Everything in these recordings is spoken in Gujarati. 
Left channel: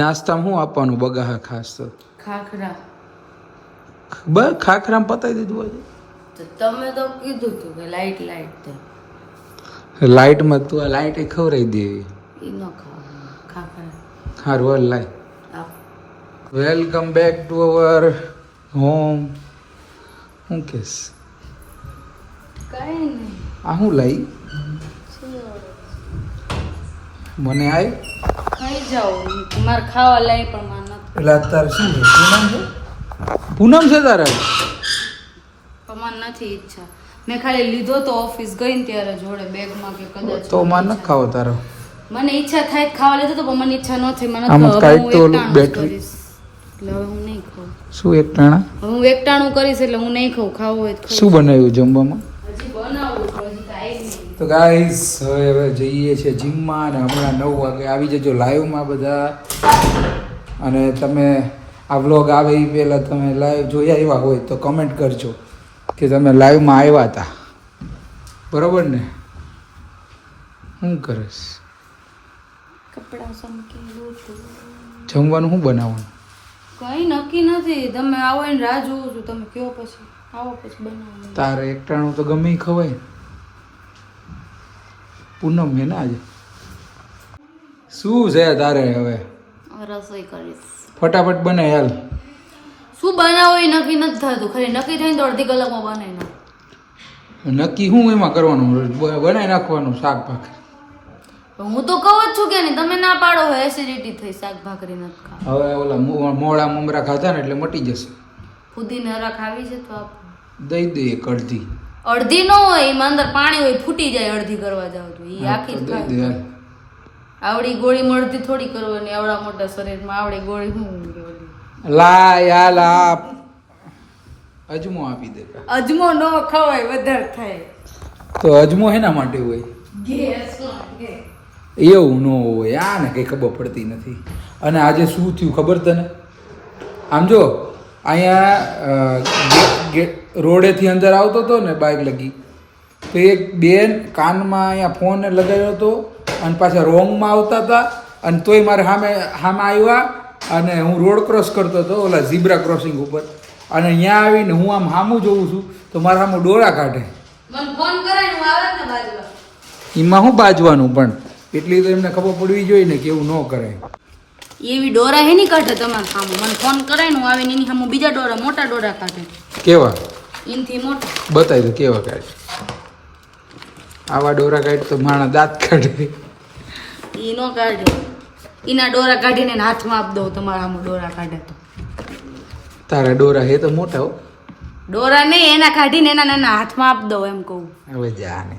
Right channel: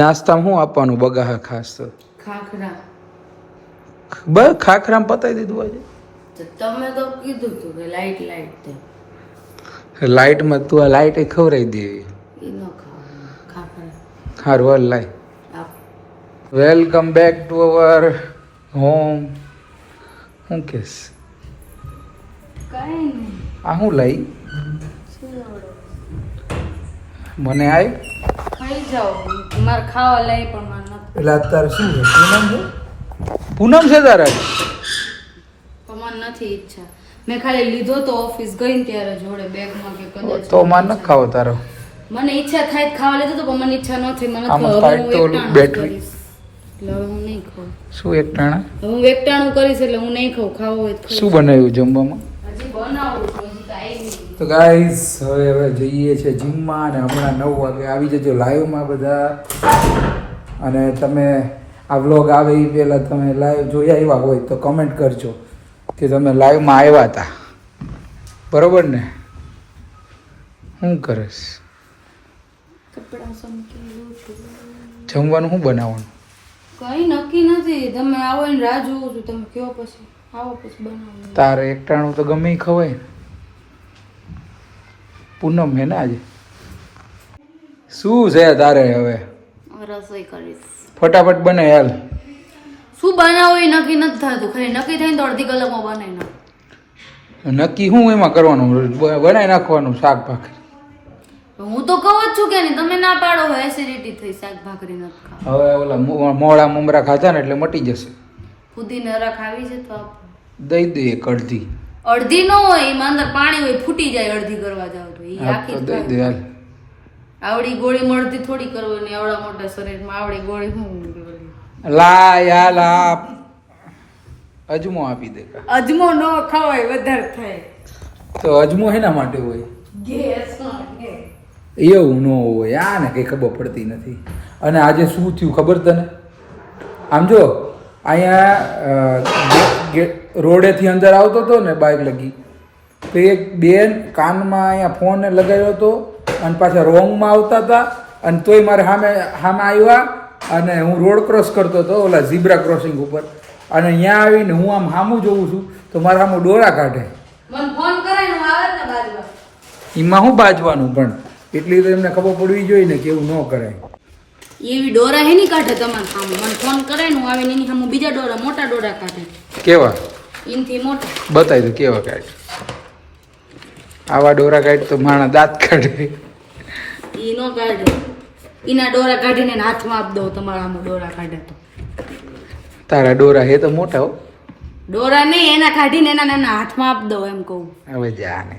નાસ્તામાં શું આપવાનું બગાહા ખાસ તો ખાખરા. બસ ખાખરામાં પતાવી દીધું આજે. તો તમે તો કીધું તું કે લાઈટ તે લાઈટમાં તું આ લાઈટ ખવડાવી દે. એ ન ખાવાનું ખાખરા. હારું હાલ લાય. આપ welcome back to our home. શું કેસ કઈ નહીં. આ શું લઈ મને આય ખાઈ જાઓ. મારે ખાવા લઈ પણ મને નથી. એટલે અત્યારે શું છે પૂનમ છે. પૂનમ છે તારા પણ મને નથી ઈચ્છા. મેં ખાલી લીધો તો ઓફિસ ગઈ ને ત્યારે જોડે બેગમાં કે કદાચ તો માર ન ખાવો તારો. મને ઈચ્છા થાય તો ખાવા લીધો તો પણ મને ઈચ્છા ન થઈ. મને આમ હવે કાંઈક હું તો ઓલું એકટાણું બેટરી. કરીશ એટલે હવે હું નહીં ખાઉં. શું એક ટાણા હવે હું એકટાણું કરીશ એટલે હું નહીં ખાઉં. ખાવું હોય તો ખાઈશ. શું બનાવ્યું જમવામાં? હજી બનાવું છું, હજી તો આવી નહીં. તો ગાઈસ હવે જઈએ છીએ જીમમાં અને હમણાં 9 વાગે આવી જજો લાઈવમાં બધા. અને તમે આ વ્લોગ આવે એ પહેલાં તમે લાઈવ જોઈ આવ્યા હોય તો કમેન્ટ કરજો કે તમે લાઈવમાં આવ્યા હતા. બરોબર ને? શું કરીશ? કપડાં સમકી લઉં છું. જમવાનું શું બનાવવાનું? કઈ નક્કી નથી. તમે આવો ને રાહ જોઉં છું. તમે કયો પછી આવો પછી બનાવો. તારે એકટાણું તો ગમે ઈ ખવાય ને. પૂનમ હે ને આજે. શું છે તારે હવે? રસોઈ કરીશ. ફટાફટ બને હાલ. શું બનાવું એ નક્કી નથી થતું. ખાલી નક્કી થઈને તો અડધી કલાકમાં બનાવી નાખું. નક્કી શું એમાં કરવાનું? બનાવી નાખવાનું શાક ભાખરી. હું તો કહું જ છું કે નહીં. તમે ના પાડો હોય એસિડિટી થઈ શાક ભાખરી નથી ખાવા. હવે ઓલા મોળા મમરા ખાધા ને એટલે મટી જશે. ફુદીને હરા ખાવી છે તો આપો. દઈ દે એક અડધી. અડધી ન હોય એમાં અંદર પાણી હોય ફૂટી જાય. અડધી કરવા જાવ તો એ આખી જ દઈ દે ખાવી. હાલ. આવડી ગોળી મળતી થોડી કરવાની. આવડા મોટા શરીરમાં આવડી ગોળી શું ગોળી? લા યાર આપ અજમો આપી દે. અજમો ન ખવાય વધારે થાય. તો અજમો હેના માટે હોય? ગેસ એવું ન હોય. આ ને કંઈ ખબર પડતી નથી. અને આજે શું થયું ખબર તને? આમ જો અહીંયા રોડેથી અંદર આવતો હતો ને બાઇક લગી તો એક બેન કાનમાં અહીંયા ફોન લગાવ્યો હતો અને પાછા રોંગમાં આવતા હતા અને તોય મારે સામે આવ્યા અને હું રોડ ક્રોસ કરતો હતો ઓલા ઝીબ્રા ક્રોસિંગ ઉપર અને અહીંયા આવીને હું આમ સામું જોઉં છું તો મારા સામું ડોળા કાઢે. મને ફોન કરાય ને આવે ને બાજુમાં. એમાં શું બાજવાનું પણ એટલી તો એમને ખબર પડવી જોઈએ ને કે એવું ન કરાય. એવી ડોરા હે ની કાઢે તમારા સામે. મને ફોન કરાય ને હું આવીને એની સામે બીજા ડોરા મોટા ડોરા કાઢે. કેવા? એનથી મોટા. બતાવી દો કેવા કાઢે. આવા ડોરા કાઢે તો માણા દાંત કાઢે. ઈ નો કાઢે. એના ડોરા કાઢીને એને હાથમાં આપ દઉં. તમારા સામે ડોરા કાઢે તો. તારા ડોરા હે તો મોટા હો. ડોરા નહીં એના કાઢીને એના નાના હાથમાં આપ દઉં એમ કહું. હવે જા ને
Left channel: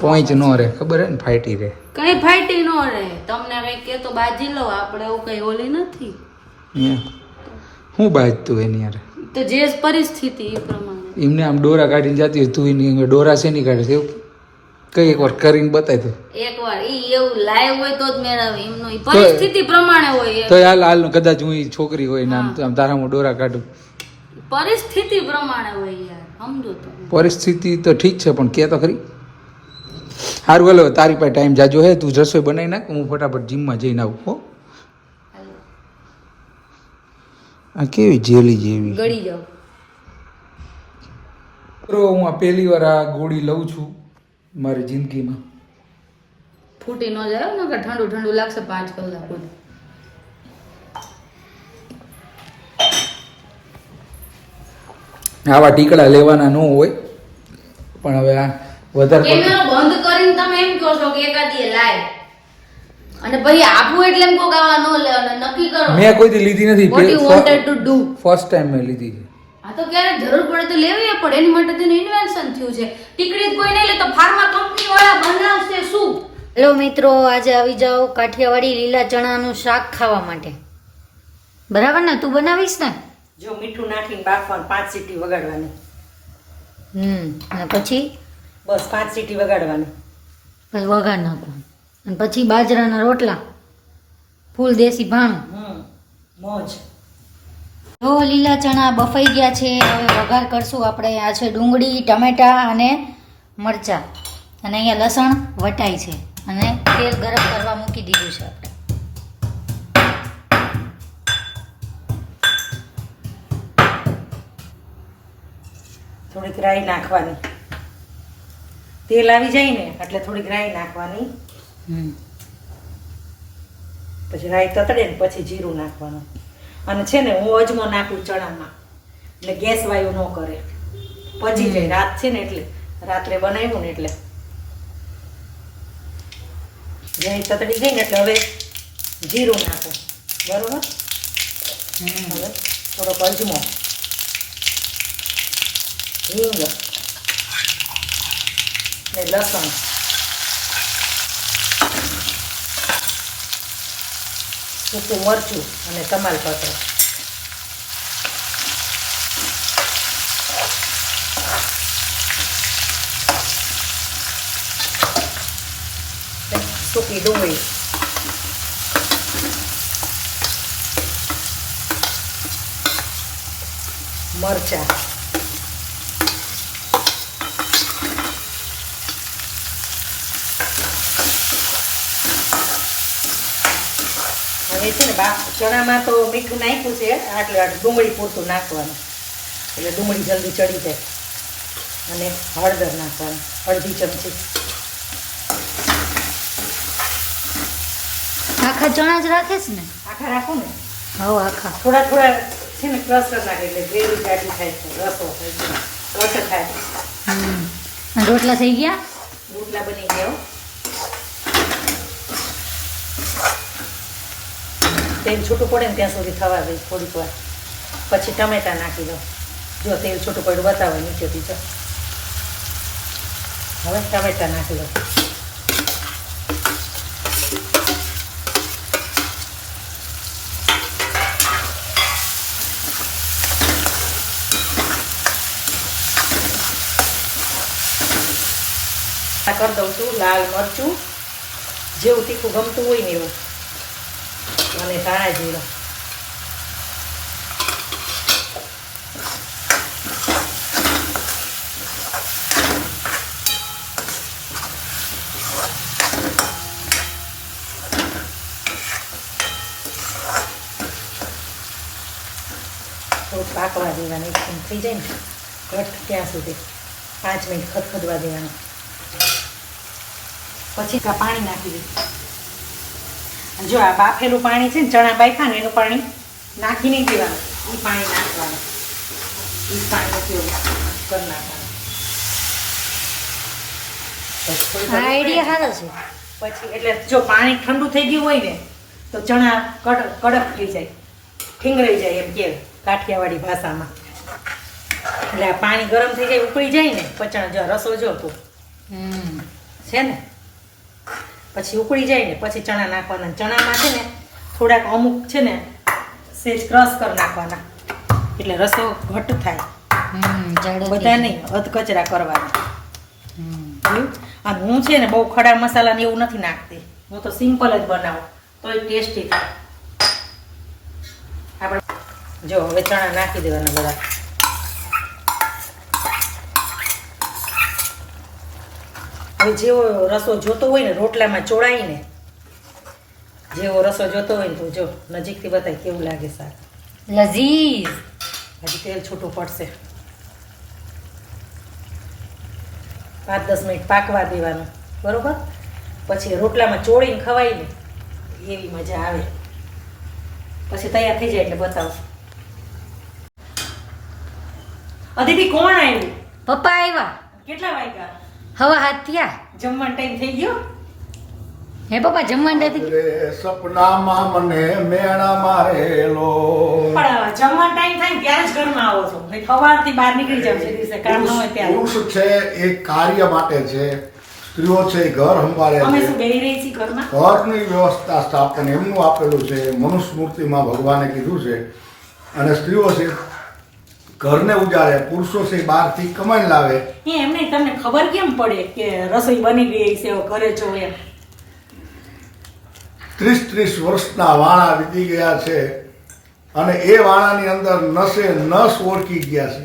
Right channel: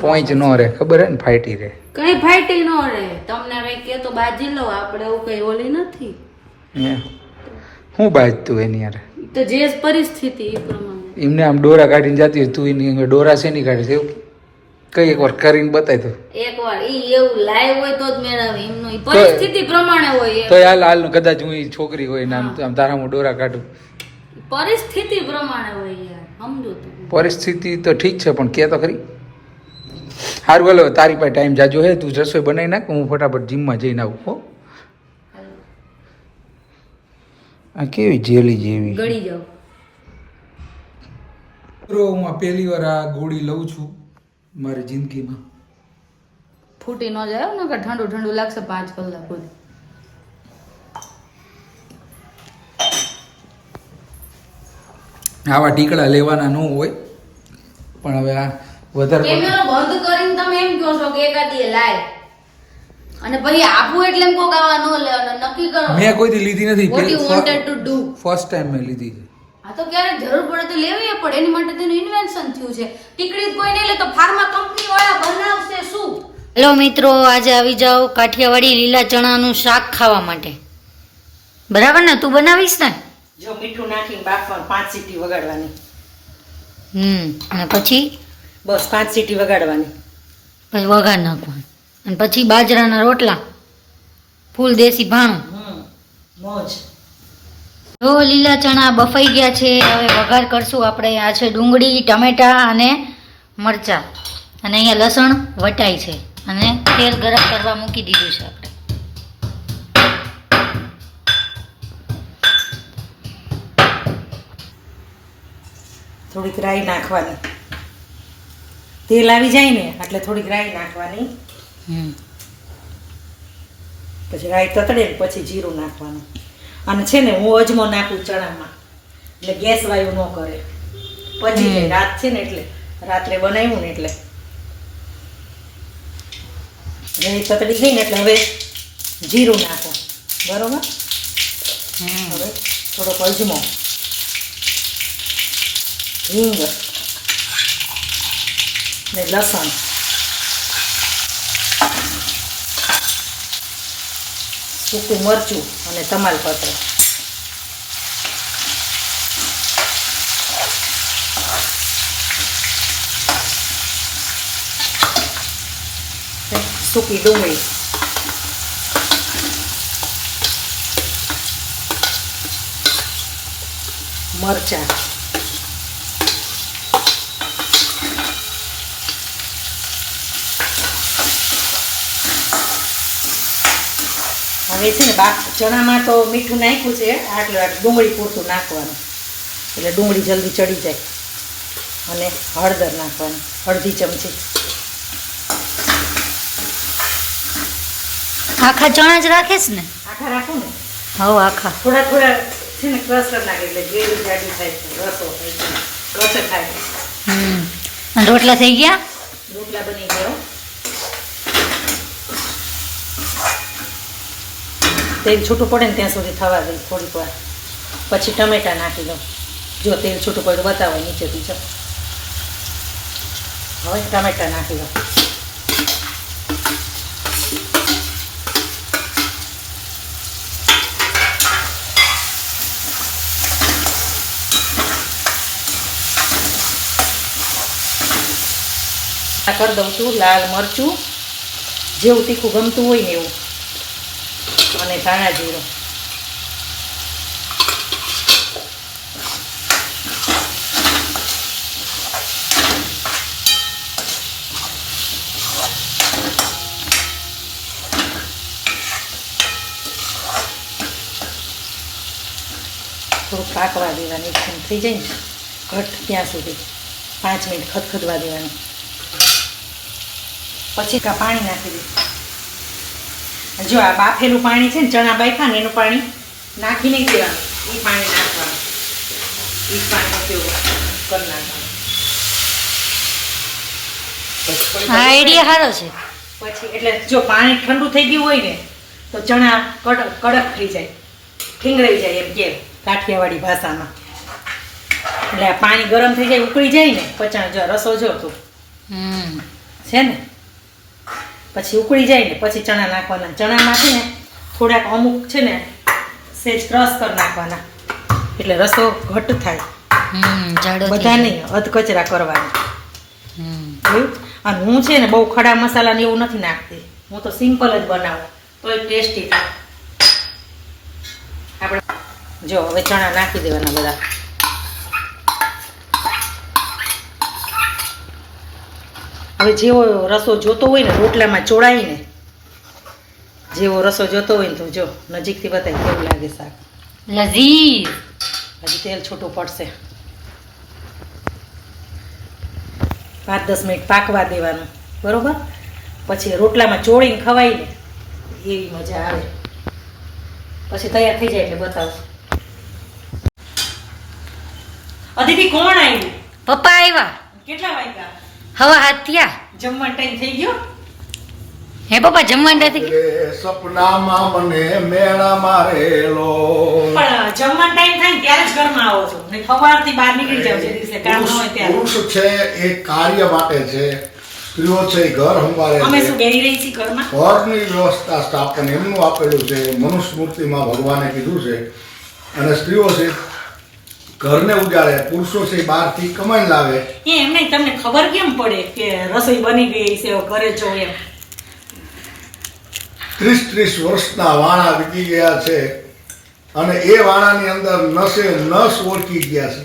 પોઈન્ટ નો રે ખબર હે ને ફાઈટી રે. કઈ ફાઈટી નો રે. તમને કઈ કે તો બાજી લો. આપણે એવું કઈ ઓલી નથી. હું બાજતું એની યાર. તો જે પરિસ્થિતિ એ પ્રમાણે. એમને આમ ડોરા કાઢીને જતી હોય તું એની આગળ ડોરા શેની કાઢે છે એવું કઈ એકવાર કરીને બતાવી દો. એકવાર ઈ એવું લાઈવ હોય તો જ મેળવે. એમનો ઈ પરિસ્થિતિ પ્રમાણે હોય. તો હાલ કદાચ હું ઈ છોકરી હોય ને આમ તારા હું ડોરા કાઢું. પરિસ્થિતિ પ્રમાણે હોય યાર. સમજો તો. પરિસ્થિતિ તો ઠીક છે પણ કે તો ખરી. સારું બોલો તારી પાસે ટાઈમ જાજો હે તું રસોઈ બનાવી નાખ હું ફટાફટ જીમમાં જઈને આવું. હો આ કેવી જેલી જેવી ગળી જાવ. હું આ પહેલી વાર આ ગોળી લઉં છું મારી જિંદગીમાં. ફૂટી ન જાય ને કે ઠંડુ ઠંડુ લાગશે 5 કલાક સુધી. આવા ટીકડા લેવાના ન હોય પણ હવે આ વધારે કેમેરો બંધ કરીને તમે એમ કહો છો કે એકાદી લાય અને પછી આપું એટલે એમ કહો કે આ નો લે અને નક્કી કરો. મેં કોઈથી લીધી નથી. What you wanted to do? First time મેં લીધી છે. આ તો ક્યારેક જરૂર પડે તો લેવી પડે. એની માટે તો ઇન્વેન્શન થયું છે. ટીકડી કોઈ નહીં લે તો ફાર્મા કંપની વાળા બનાવશે શું? હેલો મિત્રો, આજે આવી જાઓ કાઠિયાવાડી લીલા ચણાનું શાક ખાવા માટે. બરાબર ને? તું બનાવીશ ને? જો મીઠું નાખીને બાફવાનું 5 સીટી વગાડવાની. અને પછી બસ 5 સીટી વગાડવાની. પછી વઘાર નાખવાનું અને પછી બાજરાના રોટલા ફૂલ દેશી ભાણું. મોજ. જો લીલા ચણા બફાઈ ગયા છે. હવે વઘાર કરશું આપણે. આ છે ડુંગળી, ટમેટા અને મરચાં અને અહીંયા લસણ વટાય છે અને તેલ ગરમ કરવા મૂકી દીધું છે આપણે. થોડીક રાઈ નાખવાની. તેલ આવી જાય ને એટલે થોડીક રાઈ નાખવાની. પછી રાઈ તતડે ને પછી જીરું નાખવાનું. અને છે ને હું અજમો નાખું ચણામાં એટલે ગેસ વાયુ ન કરે, પછી જાય. રાત છે ને એટલે રાત્રે બનાવ્યું ને એટલે રાઈ તતડી ગઈ ને એટલે હવે જીરું નાખો. બરોબર. હવે થોડોક અજમો, હિંગ ને લસણ, સૂકું મરચું અને તમાલપત્ર. સૂકી ડુંગળી, મરચાં, હવે છે ને ચણામાં તો મીઠું નાખ્યું છે, આટલું ડુંગળી પૂરતું નાખવાનું એટલે ડુંગળી જલ્દી ચડી જાય. અને હળદર નાખવાની, અડધી ચમચી. આખા ચણા જ રાખીશ ને? આખા રાખું ને. હવ આખા. થોડા થોડા છે ને ક્રશ કરી નાખે એટલે ગ્રેવી જાડી થાય છે, રસો થાય છે, ઘટ થાય. અને રોટલા થઈ ગયા? રોટલા બની ગયો. તેલ છૂટું પડે ને ત્યાં સુધી થવા દઈ થોડીક વાર, પછી ટમેટા નાખી દઉં. જો તેલ છૂટું પડ્યું બતાવો નીચેથી. જો હવે ટમેટા નાખી દઉં. કરી દઉં છું લાલ મરચું, જેવું તીખું ગમતું હોય ને એવું, અને ધાણા જીરું. થોડુંક પાકવા દેવાની, એકદમ થઈ જાય ને ઘટ ત્યાં સુધી 5 મિનિટ ખદખદવા દેવાની. પછી પાણી નાખી દીધું. જો આ બાફેલું પાણી છે ને, ચણા બાફા ને એનું પાણી નાખી નહીં દેવાનું, એ પાણી નાખવાનું. એ પાણી ઉપયોગ કરી નાખવાનું. આઈડિયા સારો છે. પછી એટલે જો પાણી ઠંડુ થઈ ગયું હોય ને તો ચણા કડક થઈ જાય, ઠીંગરાઈ જાય, એમ કે કાઠિયાવાડી ભાષામાં. એટલે આ પાણી ગરમ થઈ જાય, ઉકળી જાય ને પછી જો રસો જો તો છે ને, પછી ઉકળી જાય ને પછી ચણા નાખવાના. ચણામાં છે ને થોડાક અમુક છે ને સેજ ક્રશ કરી નાખવાના એટલે રસો ઘટ થાય. બધા નહીં, અધકચરા કરવાના. અને હું છે ને બહુ ખડા મસાલા ને એવું નથી નાખતી, હું તો સિમ્પલ જ બનાવું તોય ટેસ્ટી થાય. આપણે જો હવે ચણા નાખી દેવાના બધા. હવે જેવો રસો જોતો હોય ને રોટલામાં ચોળાઈને, જેવો રસો જોતો હોય ને તો જો નજીકથી બતાવી કેવું લાગે શાક. લઝીઝ. હજી તેલ છૂટું પડશે. 5-10 મિનિટ પાકવા દેવાનું. બરોબર. પછી રોટલામાં ચોળીને ખવાય ને એવી મજા આવે. પછી તૈયાર થઈ જાય એટલે બતાવું. અદિતિ કોણ આવ્યું? પપ્પા આવ્યા. કેટલા વાગ્યા? હવા હાથ થયા. જમવાનો ટાઈમ થઈ ગયો? હે પપ્પા જમવાનું નથી? સપનામાં મને મેણા મારેલો. પણ જમવાનો ટાઈમ થાય ને ત્યારે જ ઘરમાં આવો છો, નહીં સવારથી બહાર નીકળી જાવ છે દિવસે કામ ન હોય ત્યારે. પુરુષ છે એ કાર્ય માટે છે, સ્ત્રીઓ છે એ ઘર સંભાળે અમે છે. શું બેહી રહી છીએ ઘરમાં? ઘરની વ્યવસ્થા સ્થાપન એમનું આપેલું છે, મનુસ્મૃતિમાં ભગવાને કીધું છે. અને સ્ત્રીઓ છે ઘરને ઉજાડે, પુરુષો છે બહારથી કમાઈને લાવે. એમ નહીં, તમને ખબર કેમ પડે કે રસોઈ બની ગઈ છે કરે છો એમ? 30 વર્ષના વાણા વીતી ગયા છે અને એ વાણાની અંદર નસે નસ ઓળખી ગયા છે.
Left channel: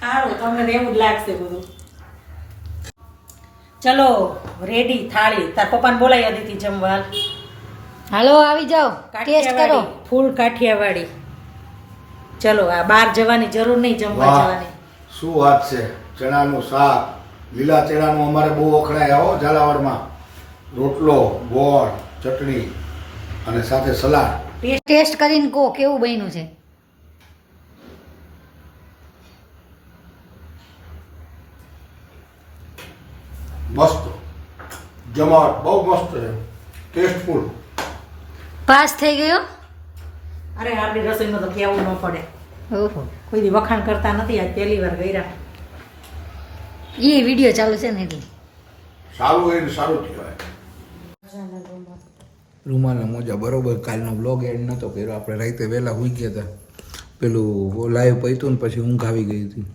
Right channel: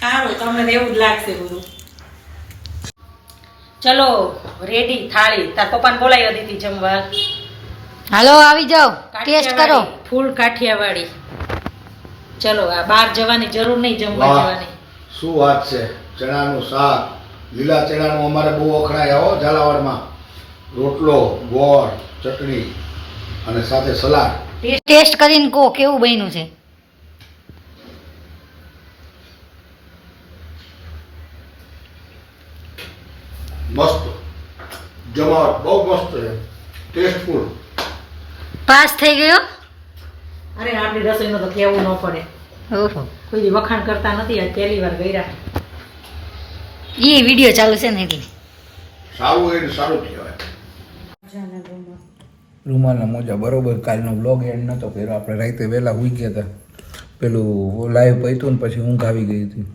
સારું, તમને એવું જ લાગશે બધું. ચલો રેડી થાળી. તાર પપ્પાને બોલાવી અદિતિ જમવા. હાલો આવી જાઓ, ટેસ્ટ કરો. ફૂલ કાઠિયાવાડી. ચલો આ બહાર જવાની જરૂર નહીં જમવા વાહ જવાની. શું વાત છે. ચણાનું શાક, લીલા ચણાનું અમારે બહુ વખણાય હો ઝાલાવાડમાં. રોટલો, ગોળ, ચટણી અને સાથે સલાડ. ટેસ્ટ કરીને કહો કેવું બન્યું છે. મસ્ત જમાવટ બહુ મસ્ત છે, ટેસ્ટફુલ. પાસ થઈ ગયો. અરે આપણી રસોઈનું તો કહેવું ન પડે. ઓહો, કોઈ દી વખાણ કરતા નથી, આજ પહેલી વાર કર્યા. એ વિડીયો ચાલુ છે ને એટલે. સારું હોય ને સારું કહેવાય. રૂમાલના મોજા બરોબર. કાલનો બ્લોગ એન્ડ નહોતો કર્યો, આપણે રાતે વહેલા સૂઈ ગયા હતા. પેલું લાઈવ પૈતું ને પછી ઊંઘ આવી ગઈ હતી.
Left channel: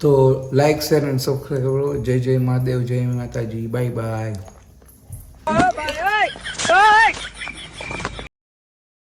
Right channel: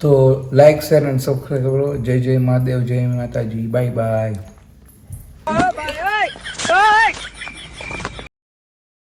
તો લાઈક શેર અને સબસ્ક્રાઈબ કરો. જય જય મહાદેવ, જય માતાજી, બાય બાય.